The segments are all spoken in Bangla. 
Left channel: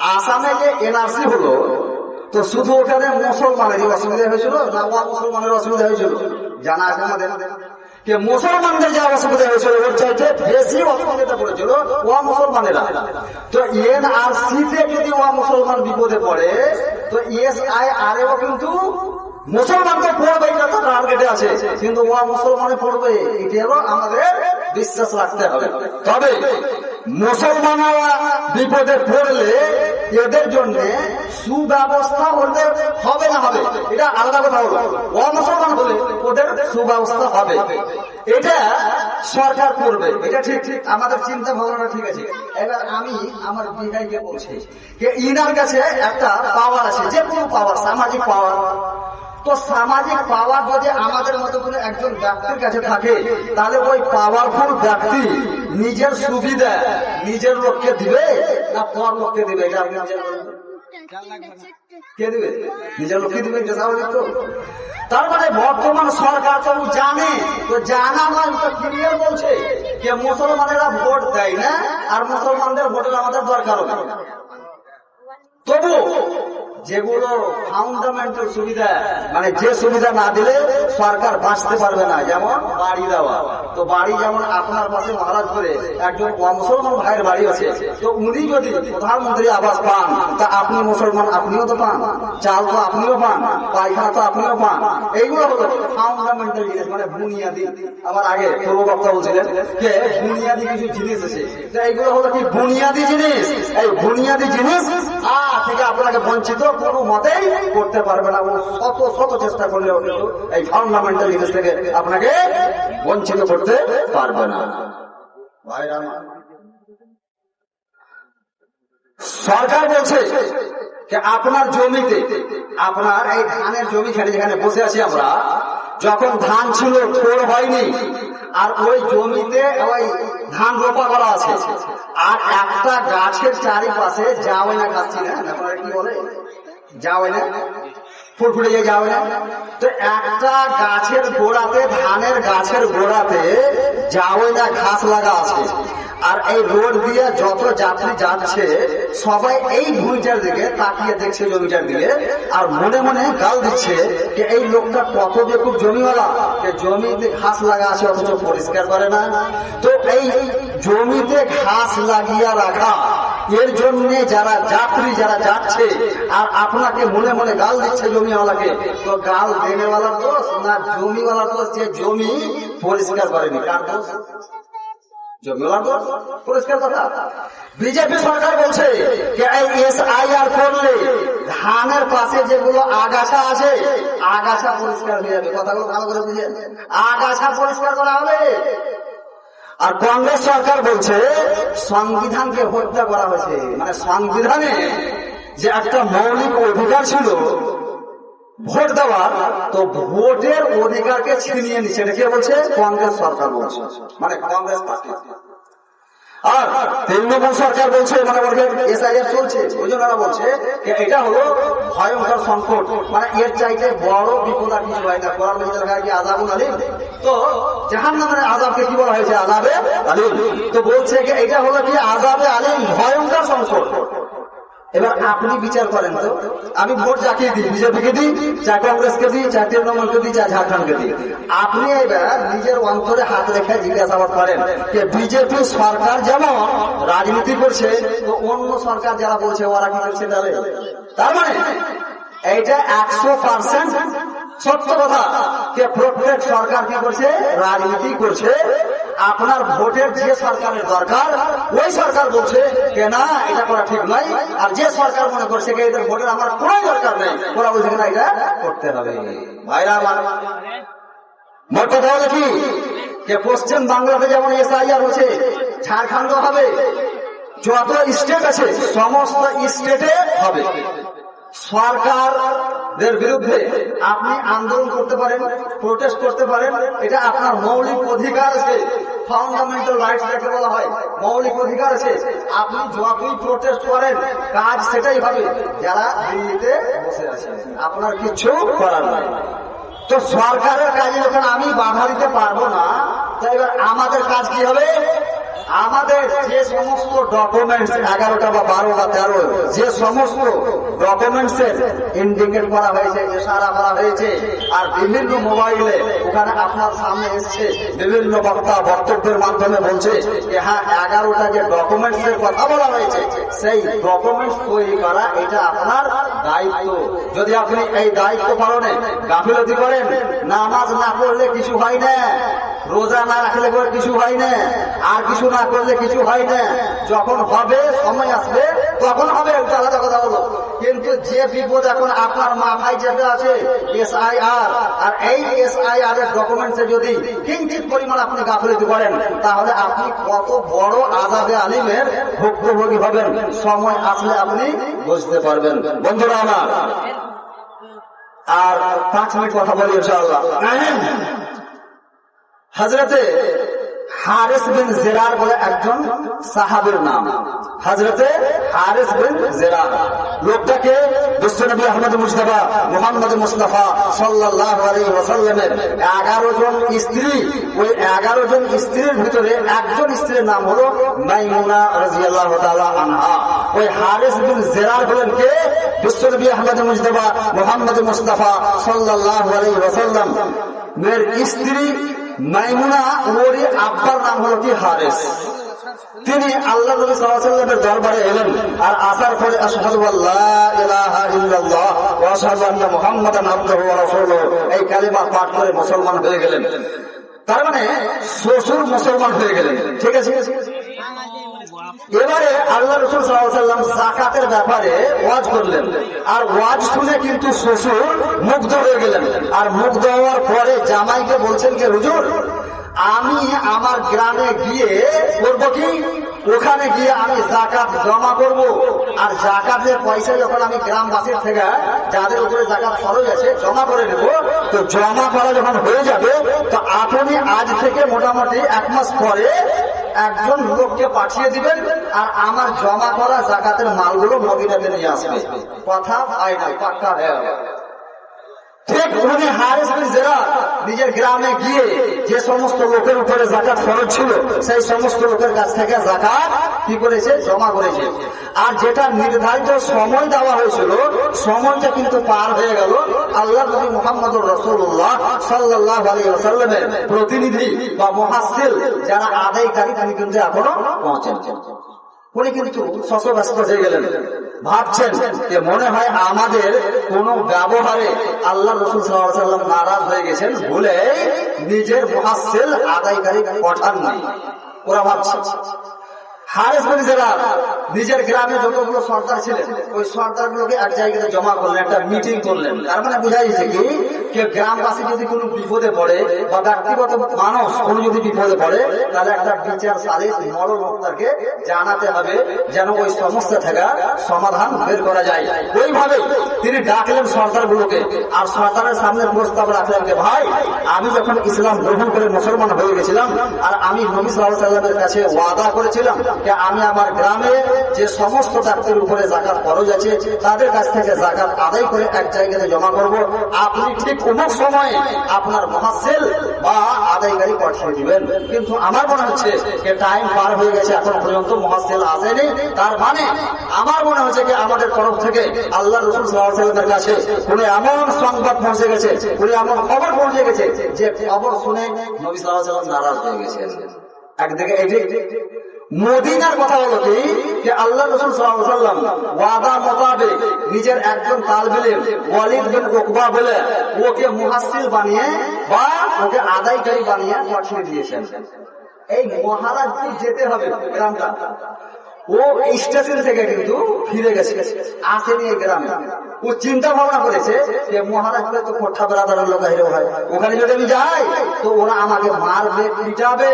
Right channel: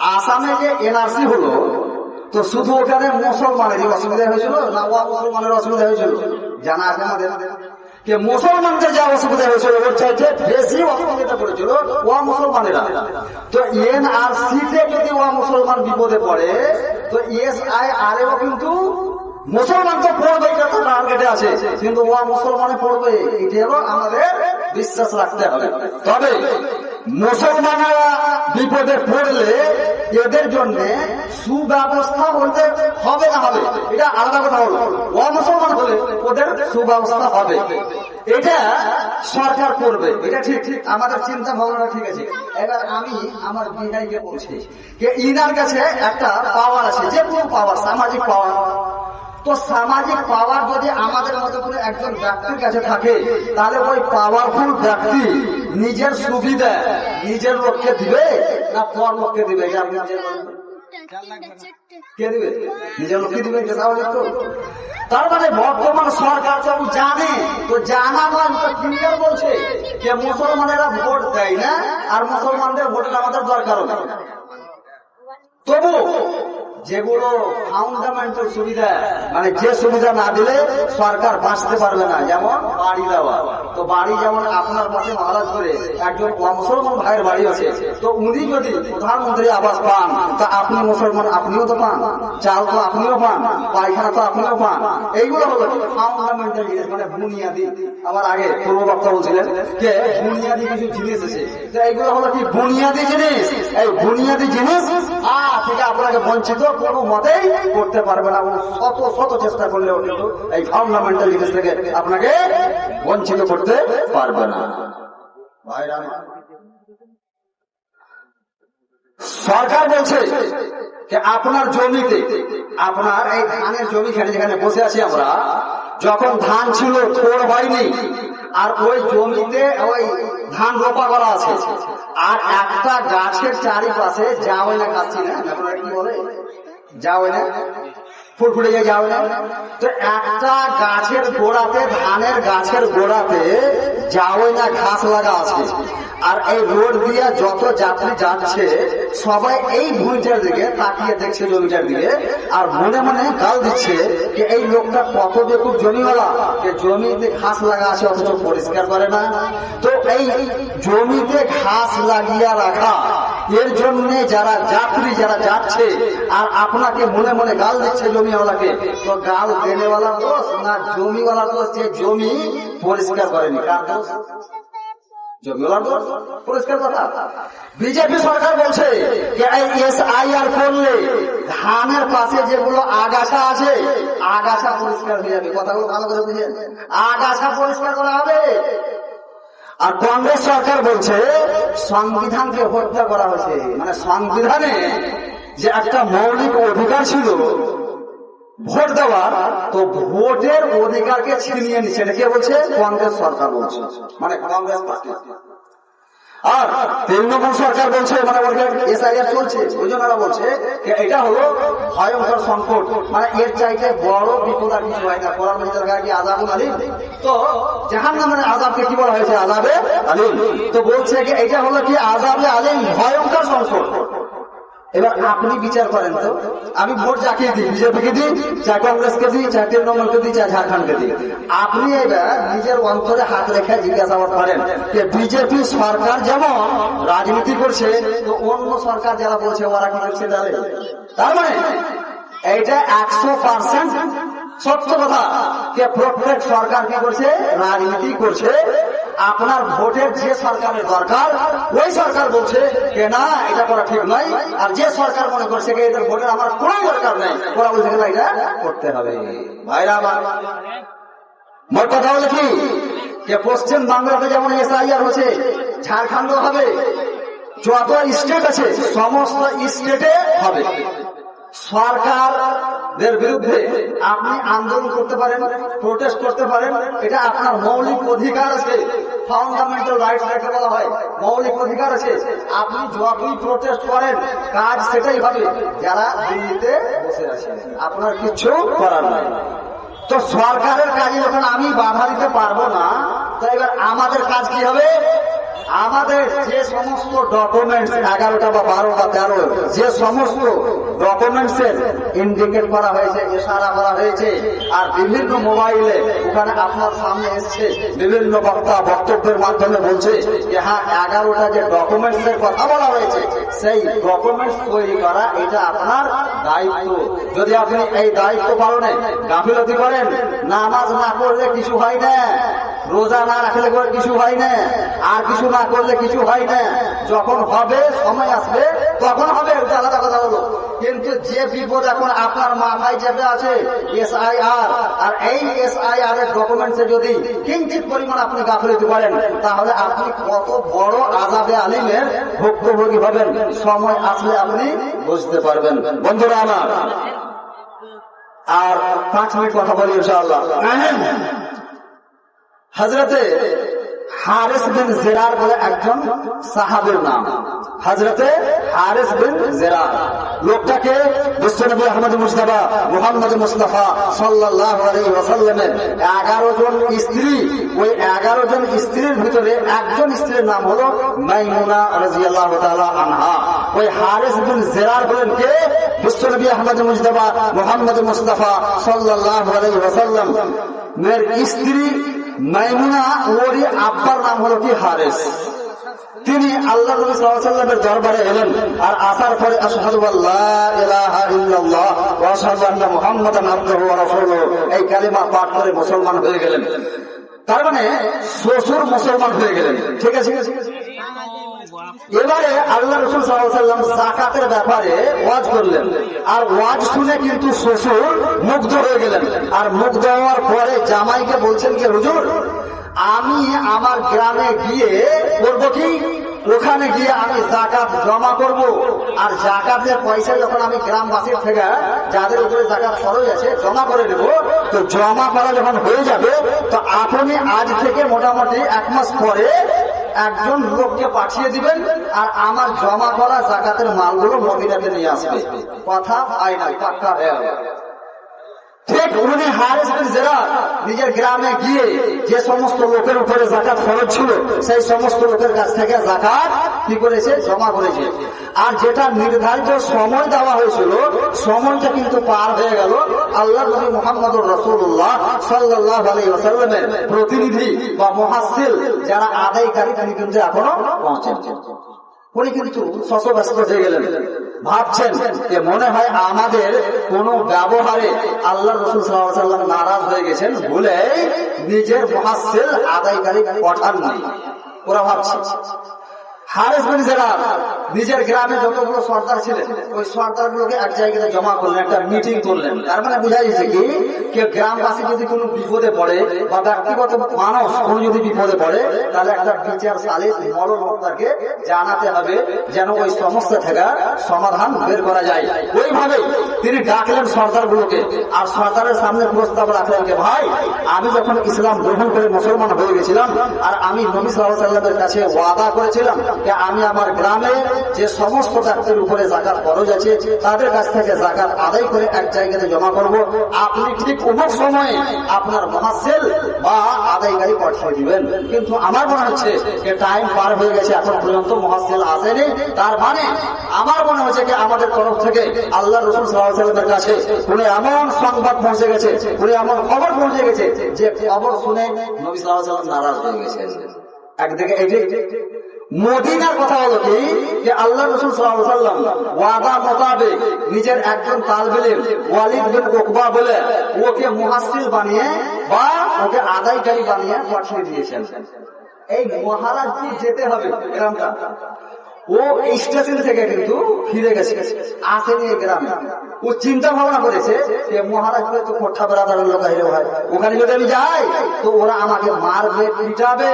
আসামে যে এনআরসি হলো, তো শুধু ওখানে মুসলমানেরই অসুবিধা হয়েছিল না বা মুসলমানের অসুবিধা হয়েছিল? জানা আছে আমাদের যে মুসলমানদের যা অসুবিধা হয়েছিল, ওর চাইতে বেশি অসুবিধা করেছিল ও মুসলমানেরা। তো এন এনআরসি তে যদি ও মুসলমান বিপদে পড়ে, তো এস আই আর এও কিন্তু মুসলমান তো পড়বে এটা তো টার্গেটে আছে, কিন্তু ও মুসলমানে পড়বে এটা আমাদের বিশ্বাস রাখতে হবে। তবে মুসলমানরা বিপদে পড়লে এদের জন্য সুব্যবস্থা ওদের হবে না হবে। এটা আলাদা কথা হলো ও মুসলমান হলে ওদের সুব্যবস্থা হবে। এটা সরকার করবে। এটা ঠিক ঠিক। আমাদের চিন্তা ভাবনা ঠিক আছে। এবার আমি আমার বিহাইকে বলছি যে ইনার কাছে একটা পাওয়ার আছে, যে কোনো পাওয়ার সামাজিক পাওয়ার তো সামাজিক পাওয়ার যদি আমাদের মতো করে একজন ব্যক্তির কাছে থাকে, তাহলে ওই পাওয়ারফুল ব্যক্তি নিজের সুবিধা নিজের লোককে দিবে না পর লোককে দিবে? এটা নিজের কে দিবে? নিজের লোককে দিবে এটা তো। তার মানে বর্তমান সরকার তো জানে, তো জানা নয়, তো বলছে যে মুসলমানেরা ভোট দেয় না, আর মুসলমানদের ভোটের আমাদের দরকার তবু যেগুলো ফাউন্ডামেন্টাল সুবিধা মানে যে সুবিধা না দিলে সরকার বাঁচতে পারবে না, যেমন বাড়ি দেওয়া। তো বাড়ি যেমন আপনার পাশে মহারাজ করে একজন মুসলমান ভাইয়ের বাড়ি আছে। তো উনি যদি প্রধানমন্ত্রী আবাস পান, তা আপনি মুসলমান আপনিও তো পান, চাল তো আপনিও পান, পায়খানা তো আপনিও পান। এইগুলো হলো ফাউন্ডামেন্টাল জিনিস মানে বুনিয়াদি। আবার আগে পূর্ব বক্তা বলছিলেন যে বুনিয়াদি কিছু জিনিস আছে। তো এইগুলো হলো কি বুনিয়াদি জিনিস? এই বুনিয়াদি জিনিস থেকে আপনাকে বঞ্চিত কোনো মতেই করতে পারবে না। শত শত চেষ্টা করলেও কিন্তু এই ফাউন্ডামেন্টাল জিনিস থেকে আপনাকে বঞ্চিত করতে পারবে না। সরকার বলছে যে আপনার জমিতে, আপনার এই ধানের জমি যেখানে বসে আছি আমরা যখন ধান ছিল থোড় হয়নি, আর ওই জমিতে ওই ধান রোপা করা আছে। আর একটা গাছের চারিপাশে না গাছি না কি বলে? যাওয়াই ফুরফুরে যায় যাওয়াই না। তো একটা গাছের গোড়াতে, ধানের গাছের গোড়াতে যাওয়াই না ঘাস লাগা আছে। আর এই রোড দিয়ে যত যাত্রী যাচ্ছে, সবাই এই ভূমিটার দিকে তাকিয়ে দেখছে জমিটার দিকে আর মনে মনে গাল দিচ্ছে যে এই লোকটা কত বেকুব জমিওয়ালা। জমিতে ঘাস লাগা আছে, অথচ পরিষ্কার করে না। তো এই জমিতে ঘাস লাগিয়ে রাখা এর জন্য যারা যাত্রী যারা যাচ্ছে, আর আপনাকে মনে মনে গাল দিচ্ছে জমিওয়ালাকে, তো গাল দেনেওয়ালার দোষ না জমিওয়ালার দোষ? যে জমি পরিষ্কার করেনি, কার দোষ? জমিওয়ালার দোষ? পরিষ্কার কথা। বিজেপি সরকার বলছে যে এই এসআইআর করলে ধানের পাশে যেগুলো আগাছা আছে, আগাছা পরিষ্কার যাবে। কথাগুলো ভালো করে বুঝে আগাছা পরিষ্কার করা হবে। আর কংগ্রেস সরকার বলছে, সংবিধানকে হত্যা করা হয়েছে। মানে সংবিধানে যে একটা মৌলিক অধিকার ছিল, ভোট দেওয়ার, তো ভোটের অধিকারকে ছিনিয়ে নিচ্ছে। এটা কে বলছে? কংগ্রেস সরকার বলছে। মানে কংগ্রেস পার্টি। আর তৃণমূল সরকার বলছে মানে ওদের চলছে, ওই বলছে এটা হলো ভয়ঙ্কর সংকট। মানে এর চাইতে বড় আর কিছু হয় না। মজিদের গাড়ি আজাবুল আলিম তো মানে আজাবকে কি বলা হয়েছে? আজাবে আলিম। তো বলছে এটা হলো কি আজাবে আলিম ভয়ঙ্কর সংকট। এবার আপনি বিচার করেন তো। আমি ভোট যাকে দিই, বিজেপিকে দিই চা কংগ্রেসকে দিই চা তৃণমূলকে দিই চা ঝাড়খণ্ডকে দিই। আপনি এবার নিজের অন্তরে হাত রেখে জিজ্ঞাসাবাদ করেন যে বিজেপি সরকার যেমন রাজনীতি করছে, তো অন্য সরকার যারা বলছে ওরা কি করছে তাহলে? তার মানে এইটা একশো পার্সেন্ট সত্য কথা যে প্রত্যেক সরকার কি করছে, রাজনীতি করছে। আপনার ভোটের যে সরকারের দরকার, ওই সরকার বলছে যে না এটা করা ঠিক নয়। আর যে সরকার মনে করছে এদের ভোটের আমার কোনো দরকার নেই, ওরা বলছে না এটা করতে হবে। ভাইরা আমার, মোট কথা হলো কি? যে পশ্চিম বাংলাতে যেমন এসআইআর হচ্ছে ঝাড়খণ্ড হবে যত স্টেট আছে, সমস্ত স্টেটে হবে। সরকারদের বিরুদ্ধে আপনি আন্দোলন করতে পারেন প্রোটেস্ট করতে পারেন। এটা আপনার মৌলিক অধিকার আছে। ফাউন্ডামেন্টাল রাইটস যাকে বলা হয়, মৌলিক অধিকার আছে। আপনি যতই প্রোটেস্ট করেন, কাজ সেটাই হবে। যারা দিল্লিতে বসে আছে, আপনার কিছু করার নাই। তো সরকারের কাজে যখন আমি বাধা দিতে পারব না, তো এবার আমাদের কাজ কি হবে? আমাদের যে সমস্ত ডকুমেন্টস এগারোটা বা বারো বা তেরো, যে সমস্ত ডকুমেন্টস এর ইন্ডিকেট করা হয়েছে, ইশারা করা হয়েছে, আর বিভিন্ন মোবাইলে ওখানে আপনার সামনে এসছে, বিভিন্ন বক্তা বক্তব্যের মাধ্যমে বলছে যে হ্যাঁ এগারোটা যে ডকুমেন্টস এর কথা বলা হয়েছে, সেই ডকুমেন্টস তৈরি করা এটা আপনার দায়িত্ব। যদি আপনি এই দায়িত্ব পালনে গাফিলতি করেন, নামাজ না করলে কিছু হয় না। রোজা না রাখলে করে কিছু হয় না। আর কিছু না করলে কিছু হয় না। যখন হবে, সময় আসবে, তখন হবে। ওটা আলাদা কথা বলো। কিন্তু যে বিপদ এখন আপনার মাথায় যেটা আছে এস আই আর আর এই এস আই আর এর ডকুমেন্টসে যদি কিঞ্চিত পরিমাণ আপনি গাফিলতি করেন, তাহলে আপনি কত বড় আজাদে আলিমের ভুক্তভোগী হবেন। সময় আসলে আপনি বুঝতে পারবেন। বন্ধুরা আমার, আর পাঁচ মিনিট কথা বলি ইনশাআল্লাহ। হজরতে হারেস বিন জেরার বলে একজন সাহাবের নাম। হজরতে হারেস বিন জেরার লোকটাকে বিশ্বনবী আহমদ মুস্তফা মোহাম্মদ মুস্তফা সাল্লাহ আলী ওয়াসাল্লামের এগারো জন স্ত্রী, ওই এগারো জন স্ত্রীর ভিতরে একজন স্ত্রীর নাম হলো মাইমুনা রাজিয়াল্লাহ আনহা। ওই হারেস বিন জেরার বলেন কে? বিশ্বনবী আহমদ মুস্তফা মোহাম্মদ মুস্তফা সাল্লাহ আলী মেয়ের স্ত্রী মাইমুনা ওরই আব্বার নাম হলো কি হারেস। তিনি আল্লাহ নবী সাল্লামের দরবারে এলেন আর আসার পরে এই কালিমা পাঠ করে মুসলমান হয়ে গেলেন। তার মানে শ্বশুর মুসলমান হয়ে গেলেন। ঠিক আছে? এবারে আল্লাহ রসুল সাল্লাম জাকাতের ব্যাপারে ওয়াজ করলেন। আর ওয়াজ শুনে কিন্তু শ্বশুর মুগ্ধ হয়ে গেলেন। আর মুগ্ধ হওয়ার পরে জামাইকে বলছেন যে, হুজুর, আমি আমার গ্রামে গিয়ে করব কি? ওখানে গিয়ে আমি জাকাত জমা করব আর জাকাতের পয়সা যখন আমি গ্রামবাসীর থেকে, যাদের উপরে জাকাত খরচ আছে, জমা করে দেবো তো জমা করা যখন হয়ে যাবে, তো আপনি আজ থেকে মোটামুটি এক মাস পরে একজন লোককে পাঠিয়ে দিবেন, আর আমার জমা করা জাকাতের মালগুলো মদিনাতে নিয়ে আসবে কথা হয় না, পাক্কা গেল। নিজের গ্রামে গিয়ে যে সমস্ত লোকের উপরে জাকাত খরচ ছিল, সেই সমস্ত লোকের কাছ থেকে জাকাত কি করেছে? জমা করেছে। আর যেটা নির্ধারিত সময় দেওয়া হয়েছিল, সময়টা কিন্তু পার হয়ে গেল। আল্লাহ নবী মোহাম্মদ রসুল্লাহ সাল্লাহ আলী সাল্লামের প্রতিনিধি বা মহাসিল যারা আদায়কারী তিনি কিন্তু এখনও পৌঁছেন উনি কিন্তু শশব্যস্ত হয়ে গেলেন। ভাবছেন যে মনে হয় আমাদের কোন ব্যবহারে আল্লাহ রসুল সাল্লাম নারাজ হয়ে গেছেন ভুলে নিজের মহাসেল আদায়কারী পাঠান নাই। ওরা ভাবছে। হারেস বিন জেরা নিজের গ্রামে যতগুলো সর্দার ছিলেন, ওই সর্দার গুলোকে এক জায়গায় জমা করলেন, একটা মিটিং করলেন। তার মানে বোঝা যাচ্ছে কি, কেউ গ্রামবাসী যদি কোনো বিপদে পড়ে বা ব্যক্তিগত মানুষ কোনো যদি বিপদে পড়ে, তাহলে একটা বিচার সালিস মরণ বক্তাকে জানাতে হবে যেন ওই সমস্যা থেকে সমাধান বের করা যায়। ওইভাবে তিনি ডাকলেন সর্দার গুলোকে আর সরকারের সামনে প্রস্তাব রাখলেন যে ভাই? আমি যখন ইসলাম গ্রহণ করে মুসলমান হয়ে গেছিলাম, আর আমি নবী সাল্লাহ সাল্লামের কাছে ওয়াদা করেছিলাম আমি আমার গ্রামে যে সমস্ত ব্যক্তির উপরে জাকাত খরচ আছে, তাদের কাছ থেকে জাকাত আদায় করে এক জায়গাতে জমা করব। আপনি ঠিক অমুক সময়ে আপনার মহাসেল বা আদায়কারী পাঠিয়ে দিবেন। কিন্তু আমার মনে হচ্ছে যে টাইম পার হয়ে গেছে, এখন পর্যন্ত মহাসেল আসেনি। তার মানে আমার মনে হচ্ছে যে আমাদের তরফ থেকে আল্লাহ রসুল সাল্লামের কাছে কোন এমন সংবাদ পৌঁছে গেছে, কোন এমন খবর পৌঁছে গেছে যে খবর শুনে নবী সাল্লাম নারাজ হয়ে গেছে একদিকে এই যে মদিনার কথা হলো কি? যে আল্লাহ রসুল সাল্লাম ওয়াদা মোতাবেক নিজের একজন তালবিলের ওয়ালিদ বিন ওকবা বলে ওকে মুহাসিল বানিয়ে বা ওকে আদায়কারী বানিয়ে পাঠিয়ে দিয়েছেন। এই মহারাজপুর যেতে হবে, গ্রামটা। ও স্টেশন থেকে কিন্তু ফিরে গেছে। আসেনি এই গ্রামে। ও চিন্তা ভাবনা করেছে যে মহারাজপুরে তো কোঠা বেড়াদার লোক ওখানে যদি আমি যাই, তো ওরা আমাকে মারবে, পিটাবে।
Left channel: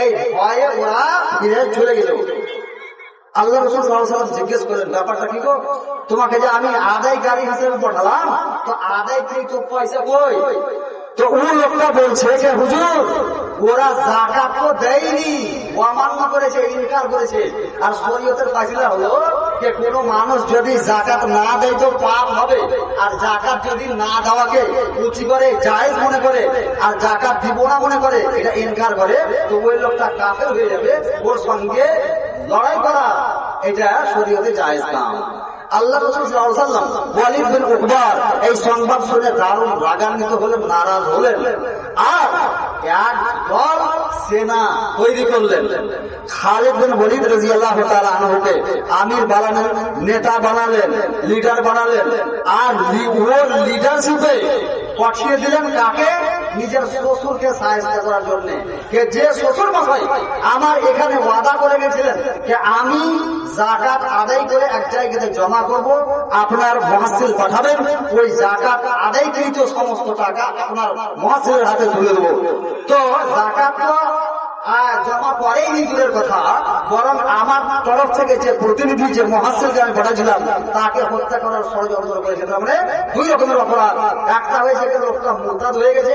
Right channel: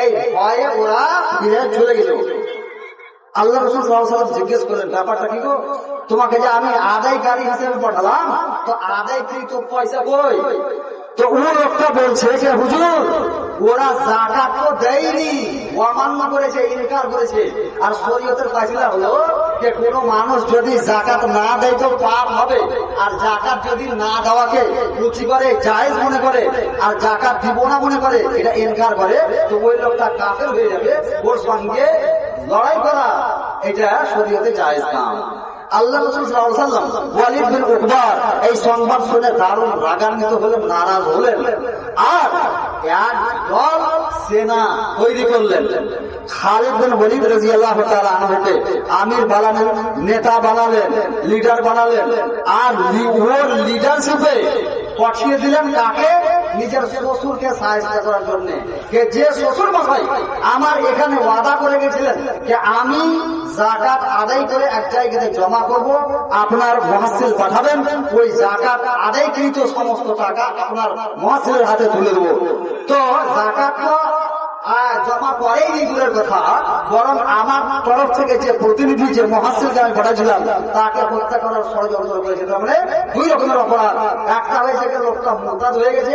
এই ভয়ে ওরা ফিরে চলে গেল। আল্লাহ রসুল সাল্লাম জিজ্ঞেস করলেন, ব্যাপারটা কি তোমাকে যে আমি আদায়কারী হিসেবে পাঠালাম, তো আদায়কৃত পয়সা কই? তো ওই লোকটা বলছে যে, হুজুর, ওরা জাকাত তো দেয়নি। অমান্য করেছে ইনকার করেছে। আর শরীয়তের ফাইসলা হলো যে, কোনো মানুষ যদি জাকাত না দেয় তো পাপ হবে। আর জাকাত যদি না দেওয়াকে রুচি করে, জায়েজ মনে করে, আর জাকাত দিব না মনে করে, এটা ইনকার করে, তো ওই লোকটা কাফের হয়ে যাবে। ওর সঙ্গে লড়াই করা, এটা শরীয়তে জায়েজ না। আল্লাহ উকবার, এই সংবাদ শুনে দারুণ রাগান্বিত হলেন, নারাজ হলেন। আর আমির বানালেন, নেতা বানালেন, লিডার বানালেন। আর লিডারশিপে পাঠিয়ে দিলেন কাকে? নিজের শ্বশুরকে সাহায্য করার জন্য। যে শ্বশুর মশাই আমার এখানে ওয়াদা করে গেছিলেন যে আমি জাকাত আদায় করে এক জায়গাতে জমা করব, আপনার মহাসিল পাঠাবেন, ওই জাকাত আদায়কৃত সমস্ত টাকা আপনার মহাসিলের হাতে তুলে দেবো। তো জাকাতটা আহ, জমা করেই দূরের কথা বরং আমার তরফ থেকে যে প্রতিনিধি যে মহাসিলকে আমি ঘটেছিলাম তাকে হত্যা করার ষড়যন্ত্র করেছে। তার মানে দুই রকমের অপরাধ। একটা হয়েছে লোকটা মোতাদ হয়ে গেছে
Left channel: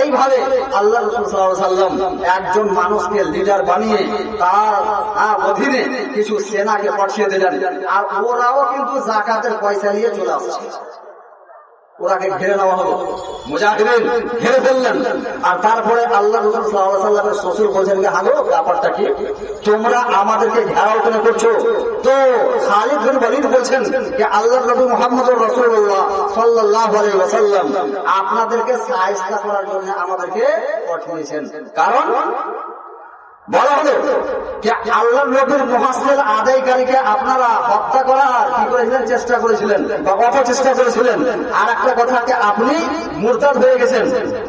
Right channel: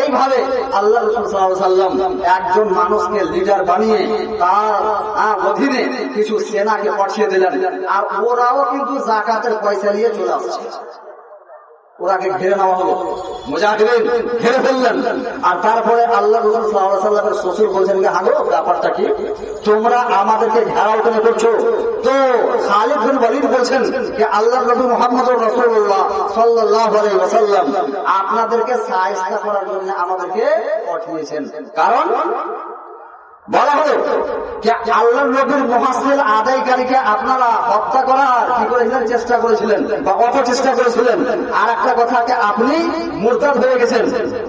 এইভাবে আল্লাহ রসুল সাল্লাম একজন মানুষকে লিডার বানিয়ে তার অধীনে কিছু সেনাকে পাঠিয়ে দিলেন। আর ওরাও কিন্তু জাকাতের পয়সা নিয়ে চলে আসছে। ওরাকে ঘিরে নেওয়া হলো। মুজাহিদিন ঘিরে ফেললেন। আর তারপরে আল্লাহ রসুল সাল্লাহ শ্বশুর বলছেন যে, হাগো, ব্যাপারটা কি? তোমরা আমাদেরকে ঘেরাও কেন করছ? তো খালিদ বিন ওয়ালিদ বলছেন যে আল্লাহ নবী মোহাম্মদ রাসূলুল্লাহ সাল্লাল্লাহু আলাইহি ওয়াসাল্লাম আপনাদেরকে সাহায্য করার জন্য আমাদেরকে পাঠিয়েছেন। কারণ বলা হলো যে আল্লাহ নবীর মহাসেল আদায়কারীকে আপনারা হত্যা করার কি করেছিলেন চেষ্টা করেছিলেন বা অপচেষ্টা করেছিলেন। আর একটা কথাকে আপনি মুরতাদ হয়ে গেছেন।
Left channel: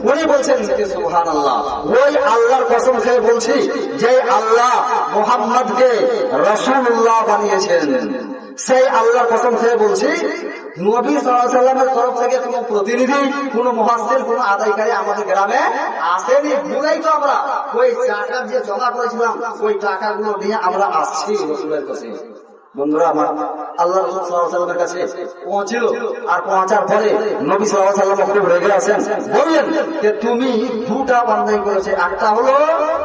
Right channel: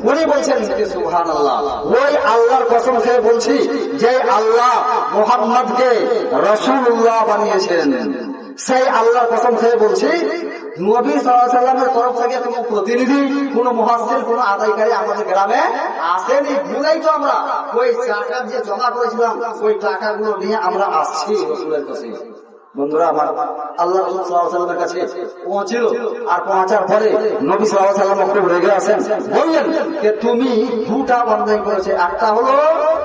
উনি বলছেন সুহান আল্লাহ ওই আল্লাহর কসম খেয়ে বলছি যে আল্লাহ মোহাম্মদকে রসুল্লাহ বানিয়েছেন। সেই আল্লাহর কসম খেয়ে বলছি, নবী সাল্লামের তরফ থেকে কোন প্রতিনিধি, কোন মহাসের কোন আদায়কারী আমাদের গ্রামে আসেনি। ভুলেই তো আমরা। ওই টাকা দিয়ে জমা করেছিলাম, ওই টাকাগুলো নিয়ে আমরা আসছি রসুলের কাছে। বন্ধুরা, আমার আল্লাহ সাল্লামের কাছে পৌঁছিল আর পৌঁছার পরে নবী সাল্লাম রেগে আছেন বললেন যে, তুমি দুটা করেছে। একটা হলো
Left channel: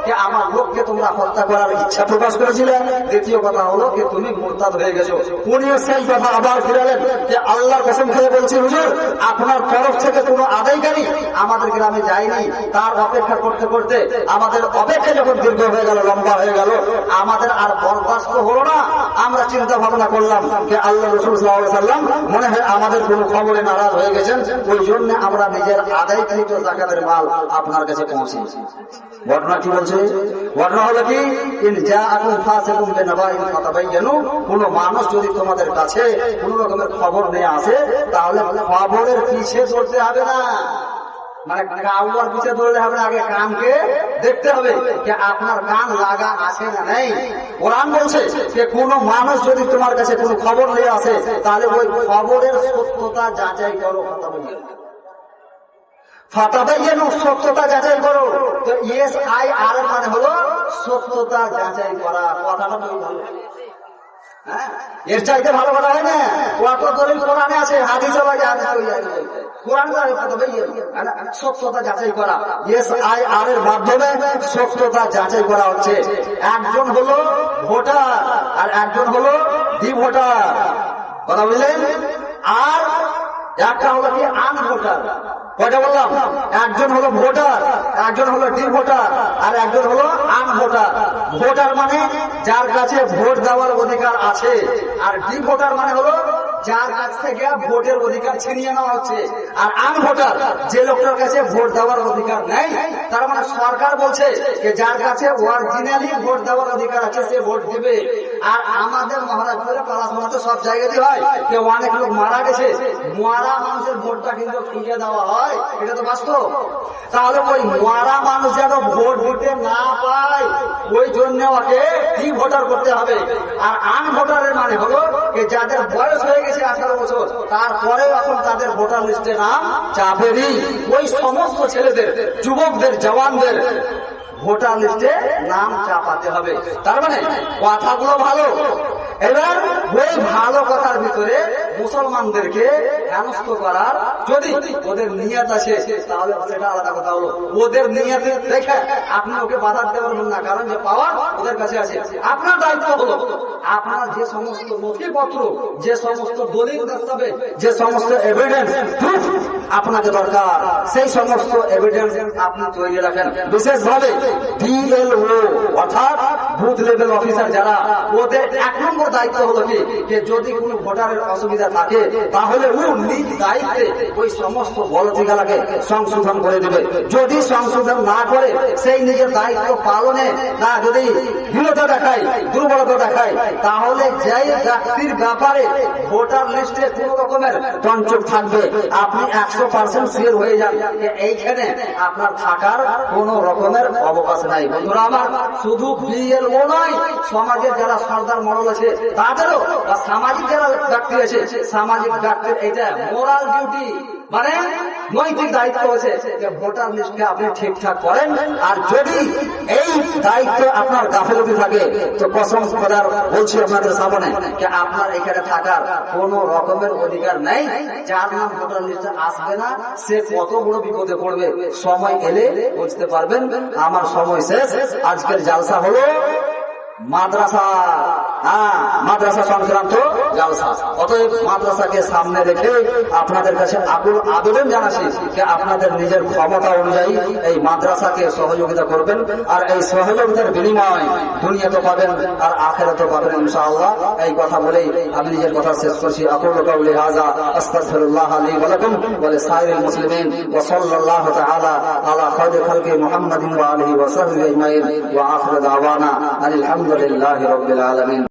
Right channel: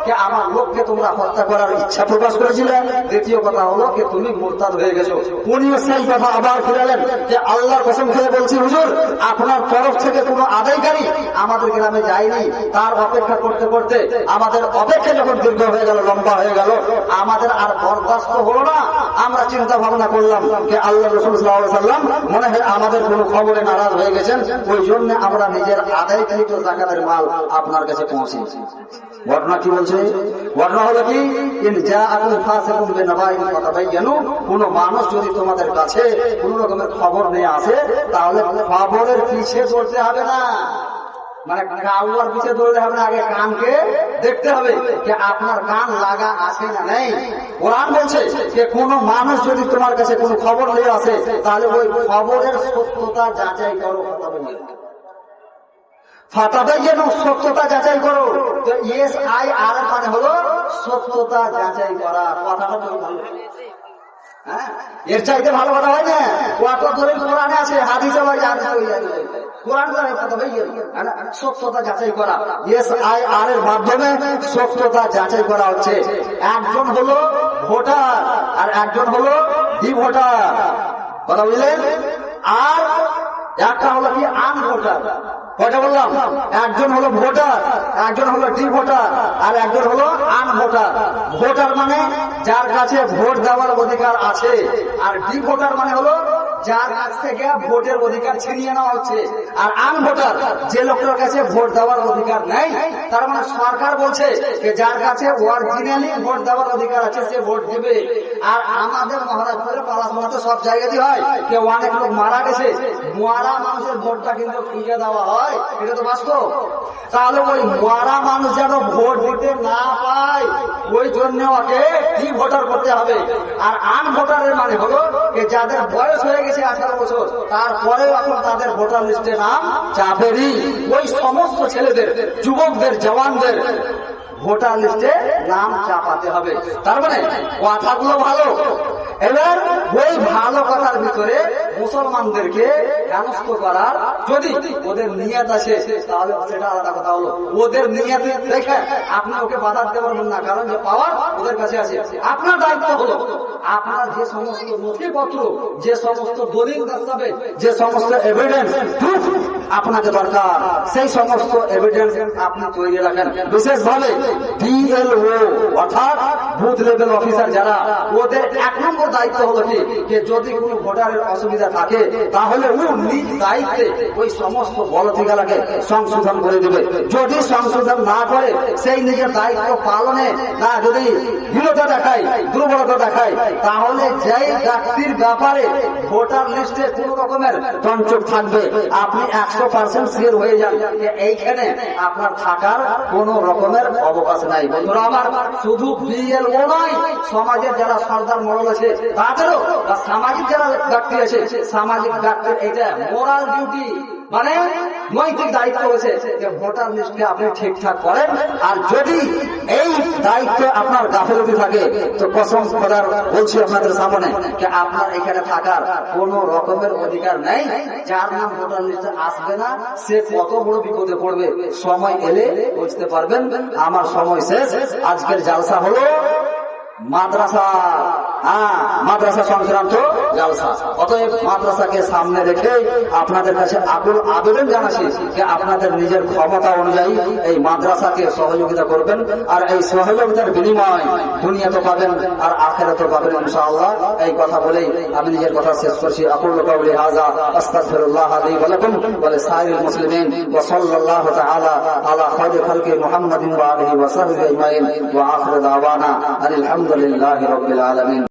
যে, আমার লোককে তোমরা হত্যা করার ইচ্ছা প্রকাশ করেছিলে। দ্বিতীয় কথা হলো যে, তুমি মোরতাদ হয়ে গেছো। উনিও সেই কথা আবার ফিরালেন যে, আল্লাহর কসম খেয়ে বলছি, হুজুর, আপনার তরফ থেকে কোনো আদায়কারী আমাদের গ্রামে যায়নি। তার অপেক্ষা করতে করতে আমাদের অপেক্ষা যখন দীর্ঘ হয়ে গেল, লম্বা হয়ে গেল, আমাদের আর বরদাস্ত হলো না। আমরা চিন্তা ভাবনা করলাম যে আল্লাহ রসুল মনে হয় আমাদের কোনো খবরে নারাজ হয়ে গেছেন, ওই জন্য আমরা নিজের আদায়কৃত জাকাতের মাল আপনার কাছে পৌঁছেছি ঘটনা কি বলছে? ঘটনা হলো কি? যা আকুম ফাসিকুম বিনাবাইন ফাতাবায়ানু কোন মানুষ যদি তোমাদের কাছে কোন রকমের খবর নিয়ে আসে, তাহলে খবরের পিছে দৌড়তে হবে না? মানে কাউয়ার পিছে দৌড়লে হবে আগে কানকে দেখতে হবে যে আপনার কান লাগা আছে না নেই। কোরআন বলছে যে কোন মানুষ যদি তোমার কাছে কোনো খবর নিয়ে আসে, তাহলে ওই খবরের সত্যতা যাচাই করো সত্যতা যাচাই করো। তো আর মানে হলো সত্যতা যাচাই করা ভালো। হ্যাঁ? এর চাইতে ভালো করা হয় না। কত দলিল কোরআনে আছে, হাদিস আবার হাদিস হয়ে যায় সত্যতা যাচাই করা। যাচাই করা হচ্ছে। একজন হলো ভোটার আর একজন হলো ডি ভোটার কথা বুঝলেন? আর একটা হলো কি আন ভোটার কয়টা বললাম? একজন হলো ভোটার, একজন হলো ডি ভোটার আর একজন হলো আন ভোটার ভোটার মানে যার কাছে ভোট দেওয়ার অধিকার আছে, আর ডি ভোটার মানে হলো যার কাছ থেকে ভোটের অধিকার ছিনিয়ে নেওয়া হচ্ছে। আর আন ভোটার, যে লোকটার কাছে ভোট দেওয়ার অধিকার নেই, তার মানে সরকার বলছে যে যার কাছে অরিজিনালি ভোট দেওয়ার অধিকার আছে, সে ভোট দেবে। আর আমাদের মহারাজপুরে পড়াশোনাতে সব জায়গাতে হয় কেউ অনেক লোক মারা গেছে। মারা মানুষের ভোটটা কিন্তু খুঁজে দেওয়া হয়, এটা তো বাস্তব। তাহলে ওই মারা মানুষ যেন ভোট দিতে না পায়, ওই জন্য ওকে কি ভোটার করতে হবে। আর আন ভোটারের মানে হলো যে যাদের বয়স হয়ে গেছে গেছে আঠারো বছর। তারপরে এখন তাদের ভোটার লিস্টে নাম চাপেনি। ওই সমস্ত ছেলেদের, যুবকদের, জওয়ানদের ভোটার লিস্টে নাম চাপাতে হবে। তার মানে কথাগুলো ভালো। এবার ওই ভালো কথার ভিতরে মুসলমানদেরকে হেনস্থ করার যদি ওদের নিয়ত আছে তাহলে সেটা আলাদা কথা হলো। ওদের নিয়ত দেখে আপনি ওকে বাধা দিতে পারবেন না, কারণ যে পাওয়ার ওদের কাছে আছে। আপনার দায়িত্ব হলো, আপনার যে সমস্ত নথিপত্র, যে সমস্ত যে সমস্ত এভিডেন্স আপনাকে দরকার। সেই সমস্ত এভিডেন্স আপনি তৈরি রাখেন। বিশেষভাবে ডিএলও অর্থাৎ বুথ লেভেল অফিসার যারা, ওদের এক নম্বর দায়িত্ব হলো কি? যে যদি কোনো ভোটারের অসুবিধা থাকে, তাহলে ও নিজ দায়িত্বে ওই সমস্ত বলতিগালাকে সংশোধন করে দেবে। যদি সংশোধন না করে, সেই নিজের দায়িত্ব পালনে না যদি হীনতা দেখায়, দুর্বলতা দেখায়, তাহলে যেই ব্যক্তির ব্যাপারে ভোটার লিস্টে কোন রকমের তঞ্চক থাকবে, আপনি একশো পার্সেন্ট সিয়ার হয়ে যান এইখানে আপনার থাকার কোন রকমের অবকাশ নাই। বন্ধুরা আমার, শুধু নয়, সমাজের যারা সর্দার মরল আছে, তাদেরও বা সামাজিক যারা ব্যক্তি আছে, সামাজিক ব্যক্তির এটা মোরাল ডিউটি মানে নৈতিক দায়িত্ব হচ্ছে যে ভোটার লিস্টকে আপনি ঠিকঠাক করেন, আর যদি এই দায়িত্ব আপনার গাফিলতি থাকে, তো কসম খোদার বলছি আপনাদের সামনে যে আপনার এখানে থাকার কোন রকমের অধিকার নেই, যার নাম ভোটার লিস্টে আসবে না, সে কত বড় বিপদে পড়বে, সময় এলে বুঝতে পারবেন। আমার সময় শেষ, আজকের জালসা হলো মাদ্রাসা। মাদ্রাসা সংক্রান্ত জালসা অতএব মাদ্রাসাকে সামনে রেখে আপনাদের কাছে আকুল আবেদন জানাচ্ছি যে আপনাদের নিজের ক্ষমতা অনুযায়ী এই মাদ্রাসাকে সহযোগিতা করবেন আর এই সহযোগিতার বিনিময় দুনিয়াতে পাবেন আর আখেরাতে পাবেন ইনশাআল্লাহ। এই কথা বলেই আমি নিজের কথা শেষ করছি। আকুল কাউলি হাজা আস্তাগফিরুল্লাহ লি ওয়া লাকুম ওয়া লিসাইরিল মুসলিমিন ওয়া সাল্লাল্লাহু তাআলা আলা খায়রি খালকি মুহাম্মাদিন ওয়া আলিহি ওয়া সাহবিহি আজমাইন। ওয়া আখিরু দাওয়ানা আলহামদুলিল্লাহি রাব্বিল আলামিন।